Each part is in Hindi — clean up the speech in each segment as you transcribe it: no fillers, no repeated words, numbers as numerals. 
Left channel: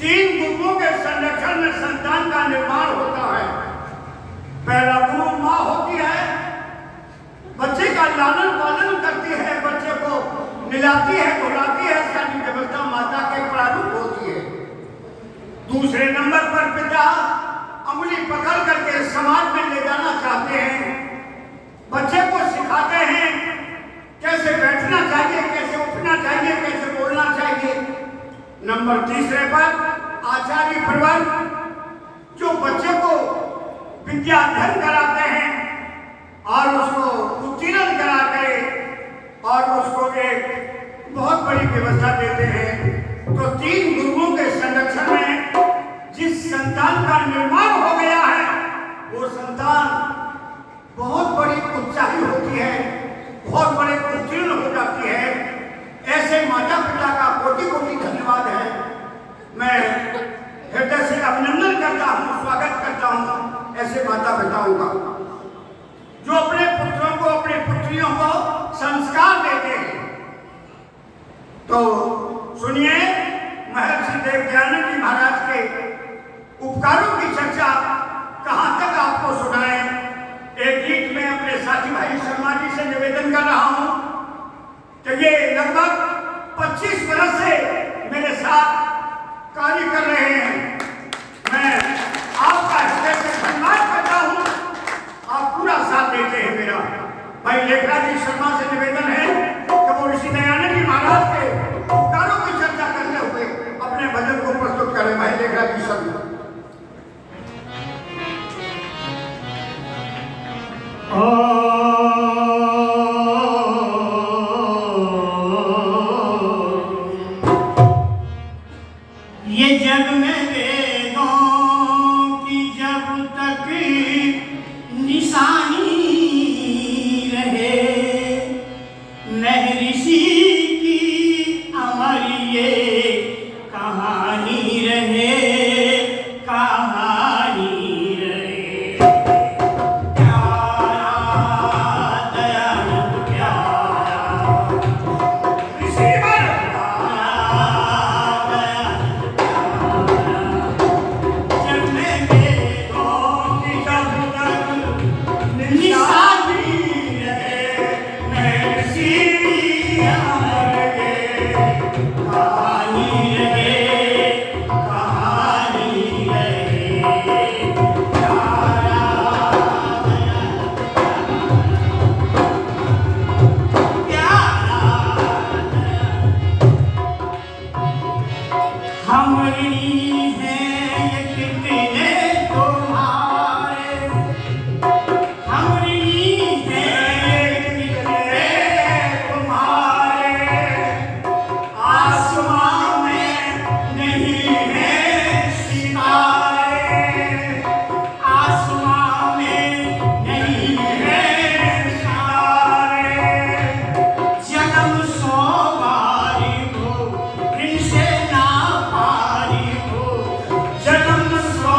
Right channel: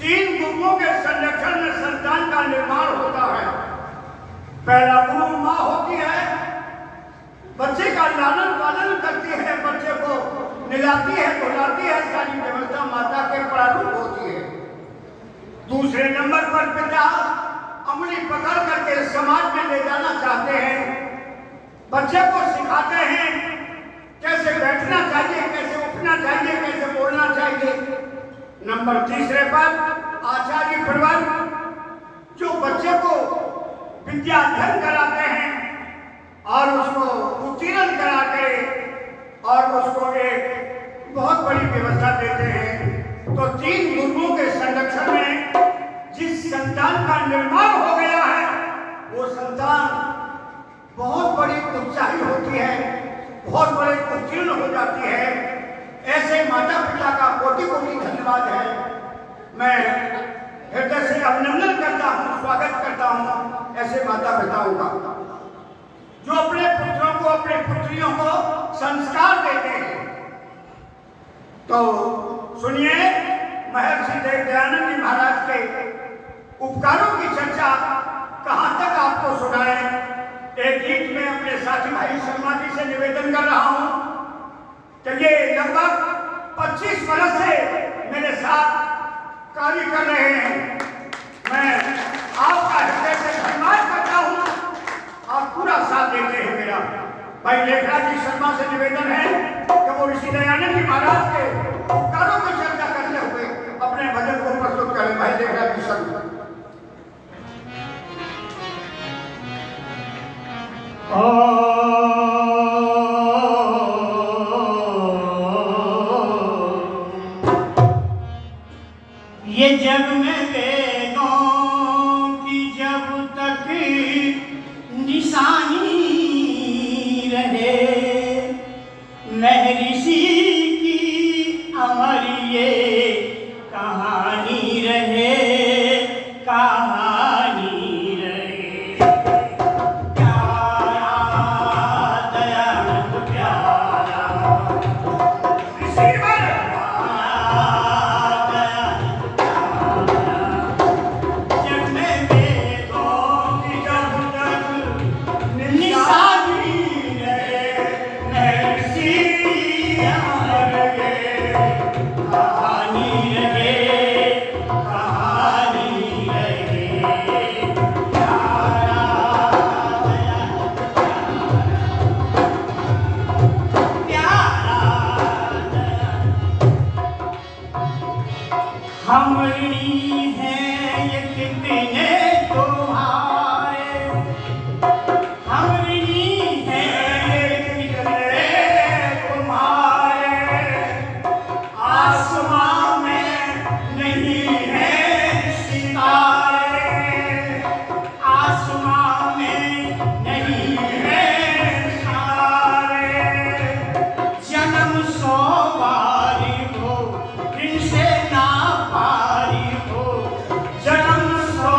तीन गुरुओं के संरक्षण में संतान का निर्माण होता है। पहला गुरु माँ होती है, बच्चे का लालन पालन करती है, बच्चे को मिलाती है, बुलाती है, सारी व्यवस्था माता के प्रारूप होती है। दूसरे नंबर पर पिता अंगुली पकड़ करके समाज में ले जाना चाहते हैं, बच्चे को सिखाते हैं कैसे बैठना चाहिए, कैसे उठना चाहिए, कैसे बोलना चाहिए। नंबर तीसरे पर आचार्य प्रवर्ग जो बच्चे को विद्या अध्ययन कराते हैं और उसको उत्तीर्ण करा के और उसको एक बहुत बड़ी व्यवस्था देते हैं। तो तीन गुरुओं के संरक्षण में जिस संतान का निर्माण हो गया है वो संतान बहुत बड़ी उत्साही होती है, बहुत बड़े उत्तीर्ण हो जाती है। ऐसे माता पिता का कोटि कोटि धन्यवाद है। मैं हृदय से अभिनंदन करता हूँ, स्वागत करता हूँ ऐसे माता पिताओं का जो अपने पुत्रों को, अपने पुत्रियों को संस्कार देते हैं। तो सुनिए, महर्षि दयानंद जी महाराज के उपकारों की चर्चा कहाँ तक आपको सुनाए। एक गीत में अपने साथी भाई शर्मा जी से निवेदन कर रहा हूँ कि ये लगभग 25 वर्ष से मेरे साथ कार्य कर रहे हैं। मैं आपका हृदय से धन्यवाद करता हूँ, आप पूरा साथ देते हैं मेरा। भाई लेखा जी शर्मा से निवेदन है कि वो ऋषि दयानंद जी महाराज के उपकारों की चर्चा करते हुए अपने भजन को प्रस्तुत करें। भाई लेखा जी शर्मा। ये जग में वेदों की जब तक निशानी रहे, महर्षि की अमर ये कहानी रहे, कहानी रहे। प्यारा दयानंद प्यारा जन्म सो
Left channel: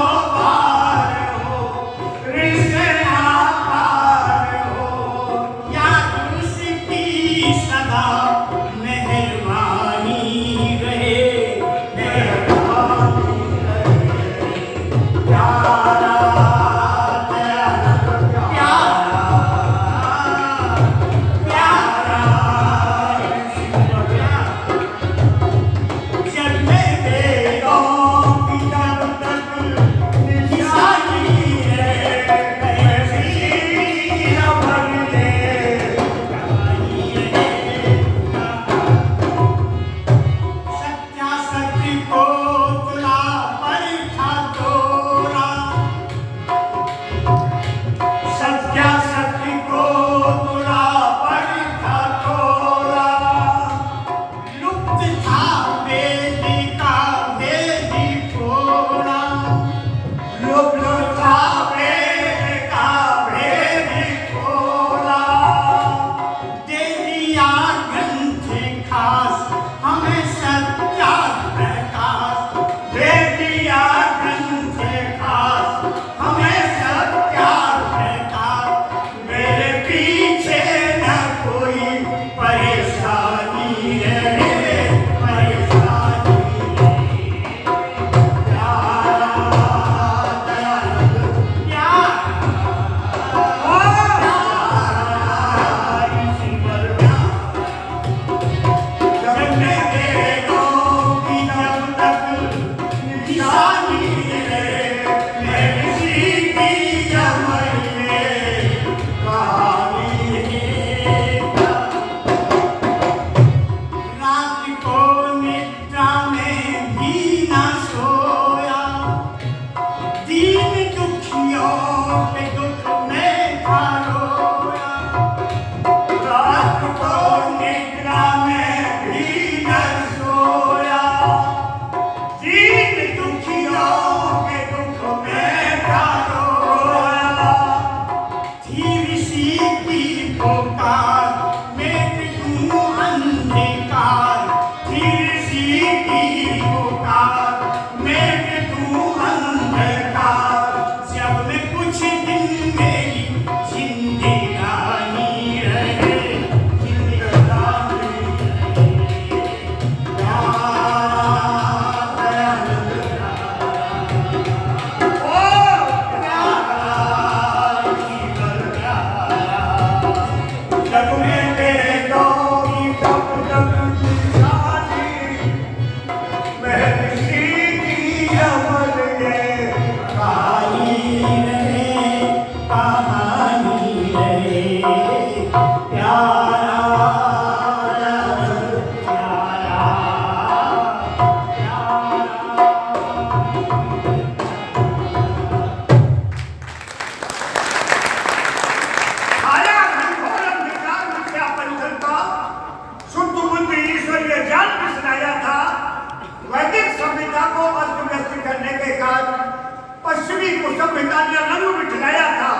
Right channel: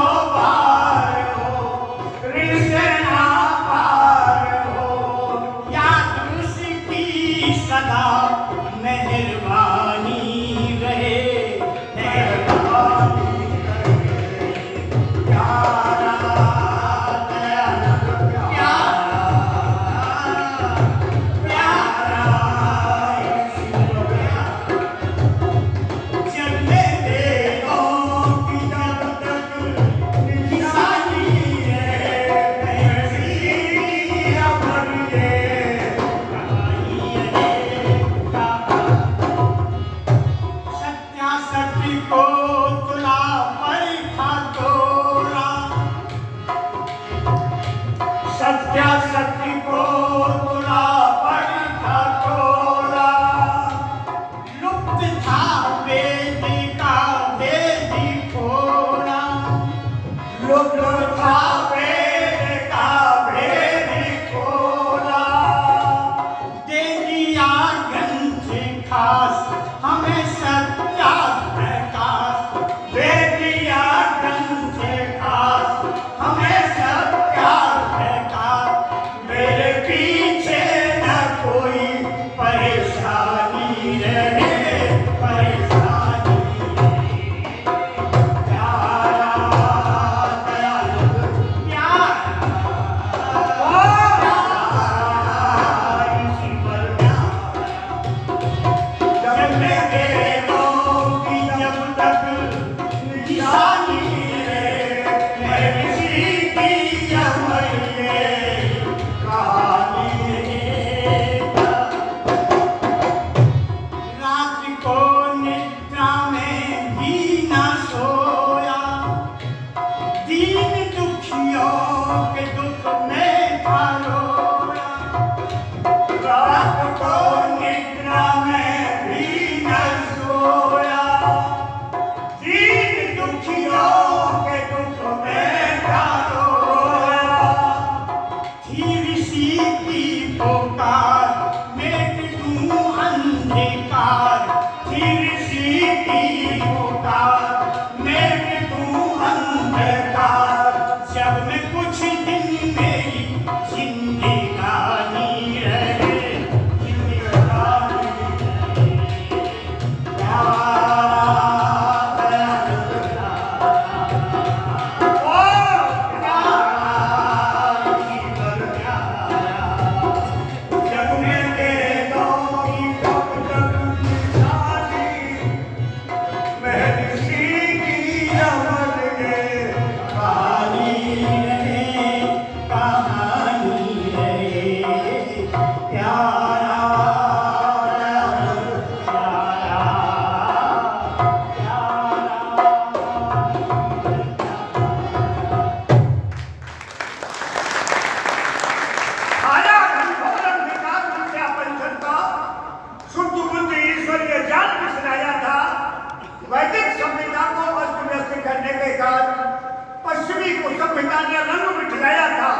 पिता ने रंग बिठलाया था।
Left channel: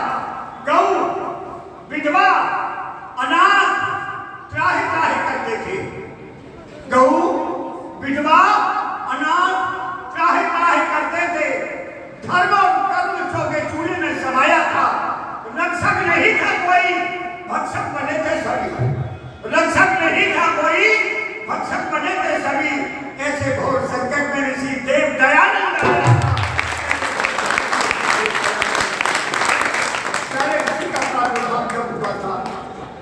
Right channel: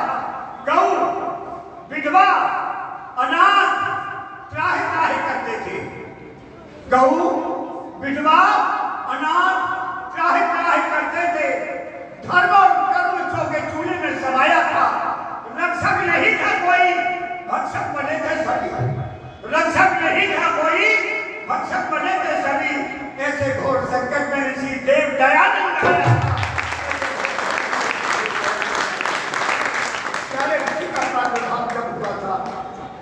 गौ, विधवा, अनाथ त्राहि त्राहि करते थे। गौ, विधवा, अनाथ त्राहि त्राहि करते थे। धर्म और कर्म चोगे चूल्हे में समाया था। रक्षक नहीं था कोई, भक्षक बने थे सभी। रक्षक नहीं था कोई, भक्षक बने थे सभी। ऐसे घोर संकट में ऋषि देव दयानंद आया। सारे ऋषि का प्रादुर्भाव जब हुआ था,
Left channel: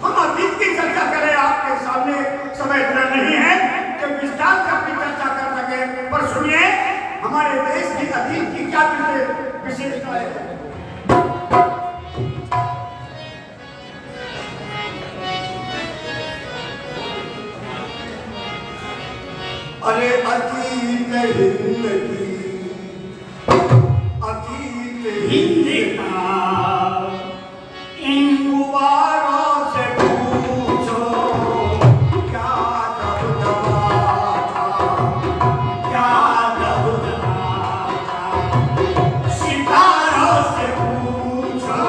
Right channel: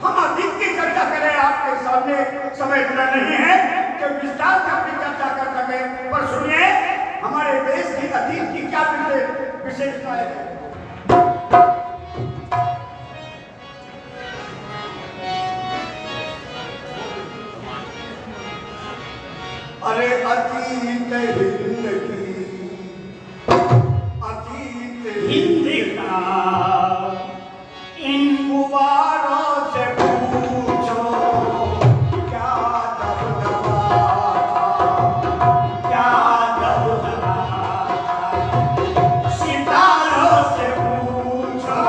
हम अतीत की चर्चा करें आपके सामने, समय इतना नहीं है कि विस्तार से अपनी चर्चा कर सके। पर सुनिए, हमारे देश की अतीत की क्या विशेषता है। अरे अतीत हिंद की, अतीत हिंद का इन गुबारों से पूछो, क्या दबदबा था, क्या दबदबा था। सितारों से पूछो,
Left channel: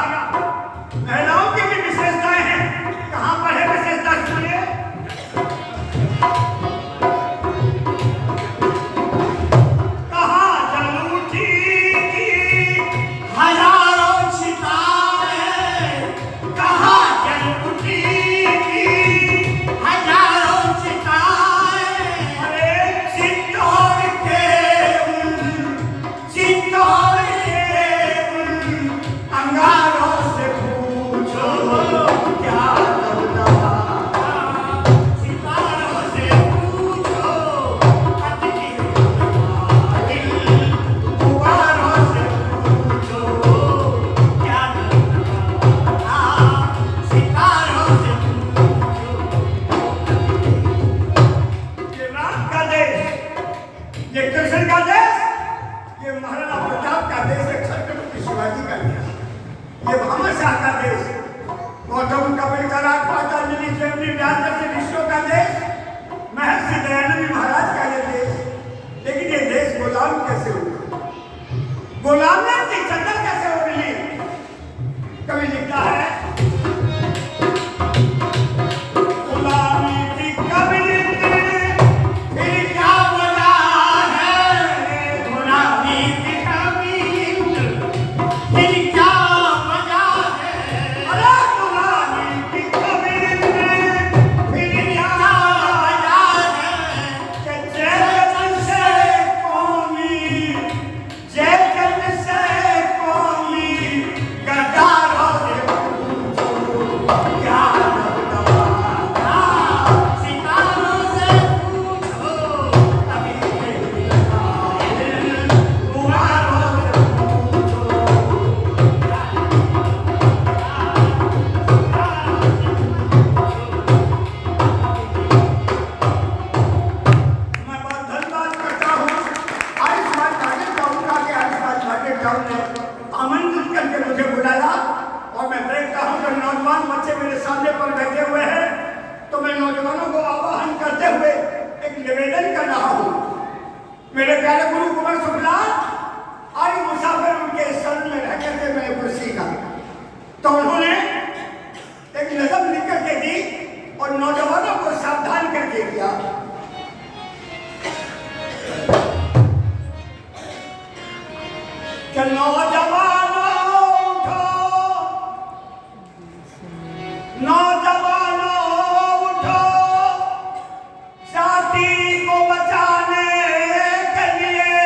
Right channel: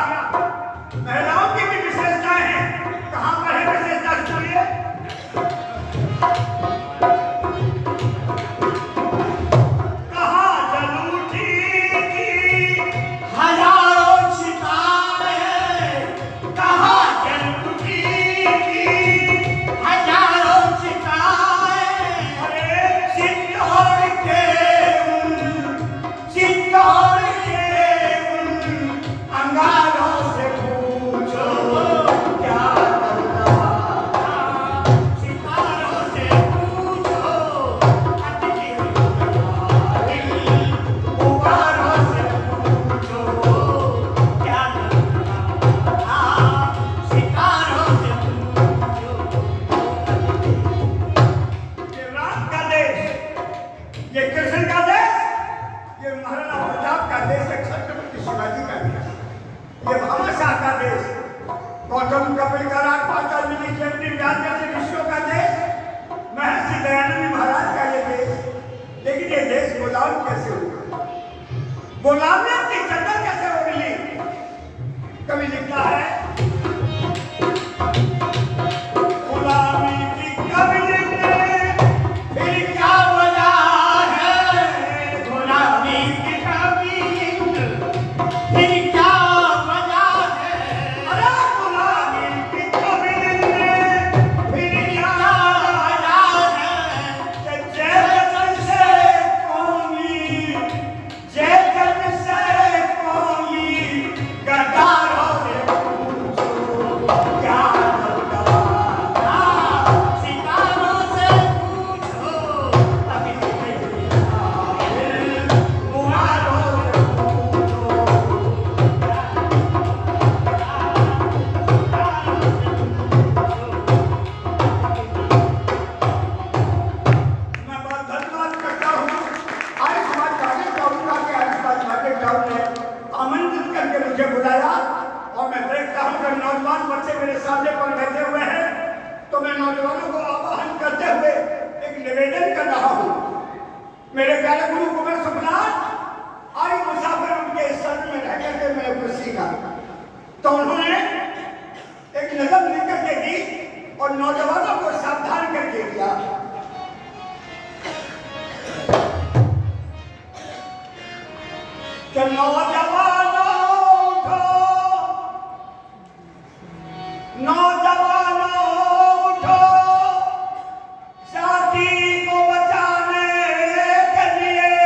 किया। महिलाओं की भी विशेषताएं हैं। कहां पर है विशेषता सुनिए। कहां जल उठी हजारों सितारे, कहाँ जल उठी हजारों सितारे, अरे चित्तौड़ के उन अंगारों से पूछो क्या करना। सितारों से पूछो अतिथि गुब्बारों से पूछो क्या करना। सितारों से पूछो। ये राम का देश, ये कृष्ण का देश, ये महाराणा प्रताप का देश है, छत्रपति शिवाजी का देश, ये भामाशाह का देश, गौतम कपिल का राजपाट मिली जैमिनी व्यास जैसे ऋषियों का देश, महर्षि दयानंद महाराज का ये देश। लेकिन ये देश गुलाम कैसे हो गया? गुलामियत की चंदा कैसे हो मिली? कवि लिखता है गुलामी की कबीर ने फिर क्या वजह है गुलामी की कबीर, फिर क्या वजह है। अरे गुलामी की कबीर ने फिर क्या वजह है कि जय जन से कौमी गद्दारों से पूछो क्या करना। सितारों से पूछो अतिथि गुब्बारों से पूछो क्या मैं बहुत धन्यवाद करता हूँ। आयुष्मान कार्ड जाऊंगा कि आयुष्मान कार्ड जाऊँ ने आमंत्रित करके मुझे बुलाया और मैं देखता हूँ कि नौजवान बच्चे मेरे सामने पर बैठे हुए हैं, तो मैं नौजवानों को आह्वान करते हुए एक निवेदन कर रहा हूँ। मेरे प्यारे गुरु कुमार शुक्ला आयु मुसाफिर उनके शरण में रह करके मैं कुछ सीखा, तो उन्होंने एक नज़म लिख करके दी और नौजवानों को सावधान करके दिया। कि नौजवानों उठो, नौजवानों उठो, जाति को बचाने के लिए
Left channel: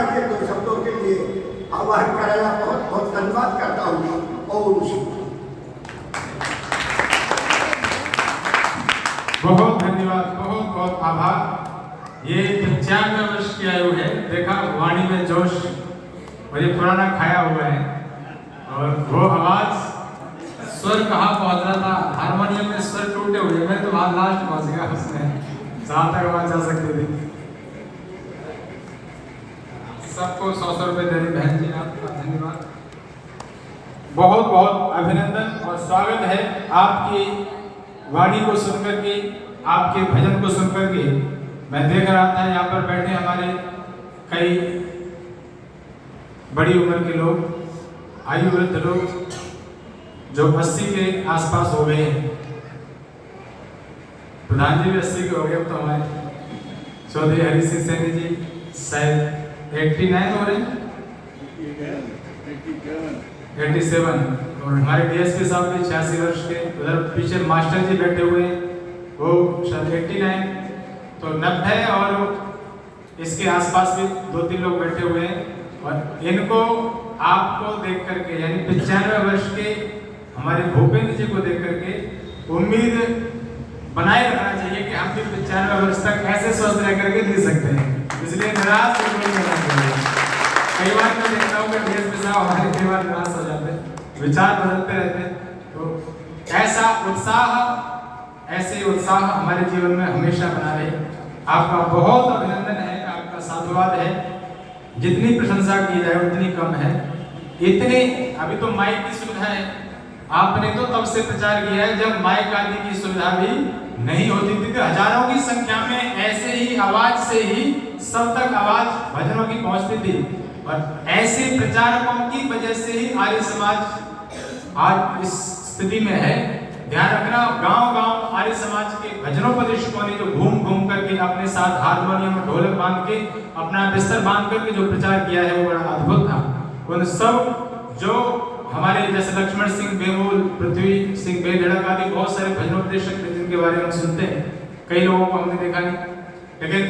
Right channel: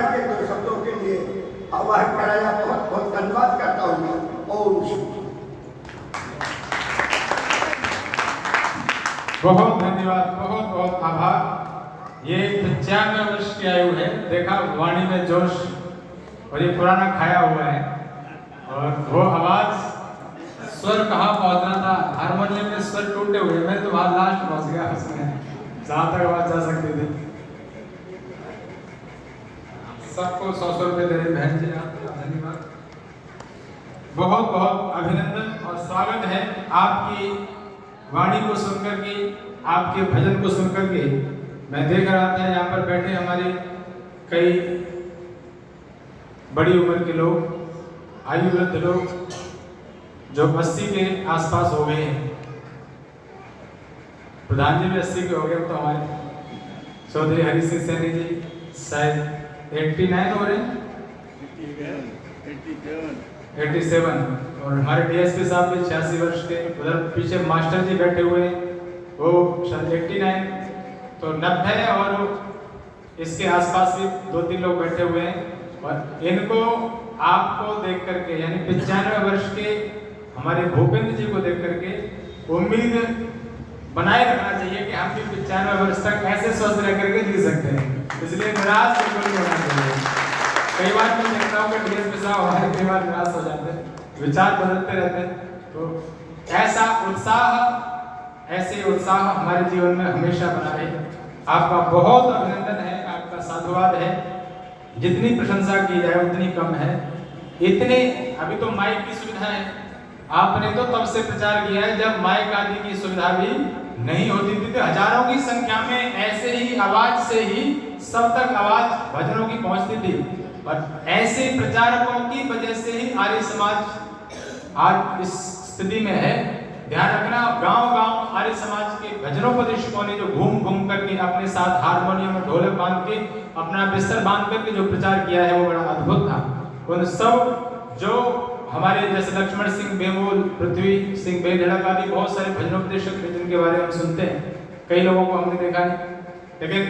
करके दो शब्दों के लिए आवाहन कराया। बहुत बहुत धन्यवाद करता हूँ। और बहुत धन्यवाद, बहुत बहुत आभार। ये 95 वर्ष की आयु है। देखा वाणी में जोश, और ये पुराना खाया हुआ है। और वो आवाज, स्वर कहाँ पहुंच रहा था, हारमोनियम में स्वर टूटे हुए, मैं तो वहां लास्ट पहुंच गया उसमें, जहां तक आवाज जा सकती थी। सबको 100 रुपए दे रही बहन जी ने, आपका धन्यवाद। बहुत बहुत अभिनंदन और स्वागत है आपकी वाणी को सुनकर के, आपके भजन को सुनकर के। मैं देख रहा था यहाँ पर बैठे हमारे कई बड़ी उम्र के लोग, आयु वृद्ध लोग, जो 80 के आसपास हो गए हैं। प्रधान जी भी 80 के हो गए। तो हमारे चौधरी हरि सिंह सैनी जी शायद 89 हो रहे हैं, 87। और हमारे डीएसपी साहब भी 86 वर्ष के। उधर पीछे मास्टर जी बैठे हुए, वो शायद 89, तो 90 और इसके आसपास भी 2-3 लोग बैठे हुए हैं। और इनको आपको देख करके, यानी 95 वर्ष के हमारे भूपेंद्र जी को देख करके उम्मीद बनाए रखना चाहिए कि हम भी 95 वर्ष तक ऐसे स्वस्थ रह करके जी सकते हैं। इसलिए निराश नहीं होना चाहिए। कई बार मैं देखता हूँ कि डीएसपी साहब हमारे कई बार निराश हो जाते हैं, विचार बदलते रहते हैं। तो ऐसा उत्साह, ऐसे उत्साह हमारे जीवन में हमेशा बना रहे। आपका बहुत अभिनंदन है, आपका साधुवाद है। जितनी प्रशंसा की जाए उतनी कम है। इतने अभी तो माइक की सुविधा है, आपने तो तब से प्रचार किया है जब माइक आदि की सुविधा भी नहीं होती थी। तो हजारों की संख्या में ऐसे ही आवाज से ही सब तक आवाज भजनों की पहुंचती थी। और ऐसे प्रचारकों की वजह से ही आर्य समाज आज इस स्थिति में है। ध्यान रखना, गांव-गांव आर्य समाज के भजनों परिषदों ने जो घूम घूम करके अपने साथ हारमोनियम में ढोलक बांध के, अपना बिस्तर बांध करके जो प्रचार किया है वो बड़ा अद्भुत था। उन सब जो हमारे जैसे लक्ष्मण सिंह बेमूल, पृथ्वी सिंह बेधड़क आदि बहुत सारे भजनोपदेशक थे जिनके बारे में हम सुनते हैं। कई लोगों को हमने देखा नहीं, लेकिन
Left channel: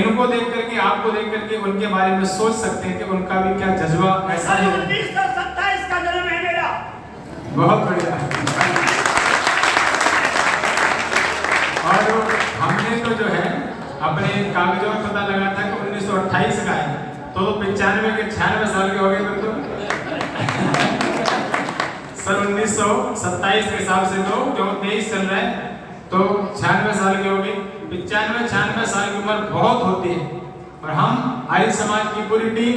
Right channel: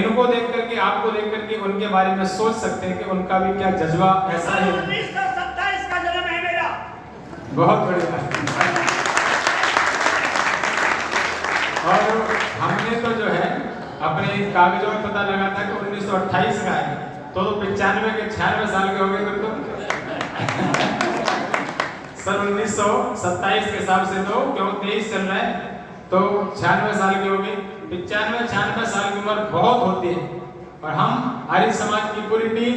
इनको देख करके, आपको देख करके उनके बारे में सोच सकते हैं कि उनका भी क्या जज्बा ऐसा है। 1927 का जन्म है मेरा। बहुत बढ़िया। और हमने तो जो है अपने कागजों में पता लगा था कि 1928 का है, तो 95 के 96 साल के हो गए फिर तो। सन 1927 के हिसाब से तो जो 23 चल रहा है, तो 96 साल के हो गए। 95-96 साल की उम्र बहुत होती है। और हम आर्य समाज की पूरी टीम,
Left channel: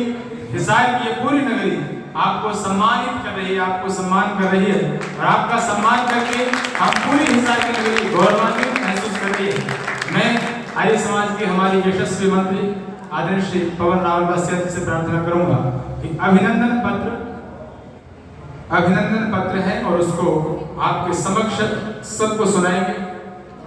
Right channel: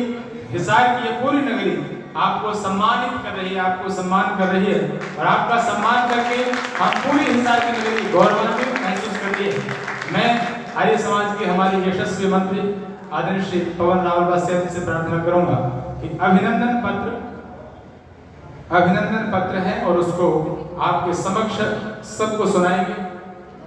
हिसार की ये पूरी नगरी आपको सम्मानित कर रही है, आपको सम्मान कर रही है। और आपका सम्मान करके हम पूरी हिसार की नगरी गौरवान्वित महसूस कर रही है। मैं आर्य समाज के हमारी यशस्वी मंत्री आदरणीय श्री पवन रावल बसिया से प्रार्थना करूंगा कि अभिनंदन पत्र है और उसको आपके समक्ष सबको सुनाएंगे।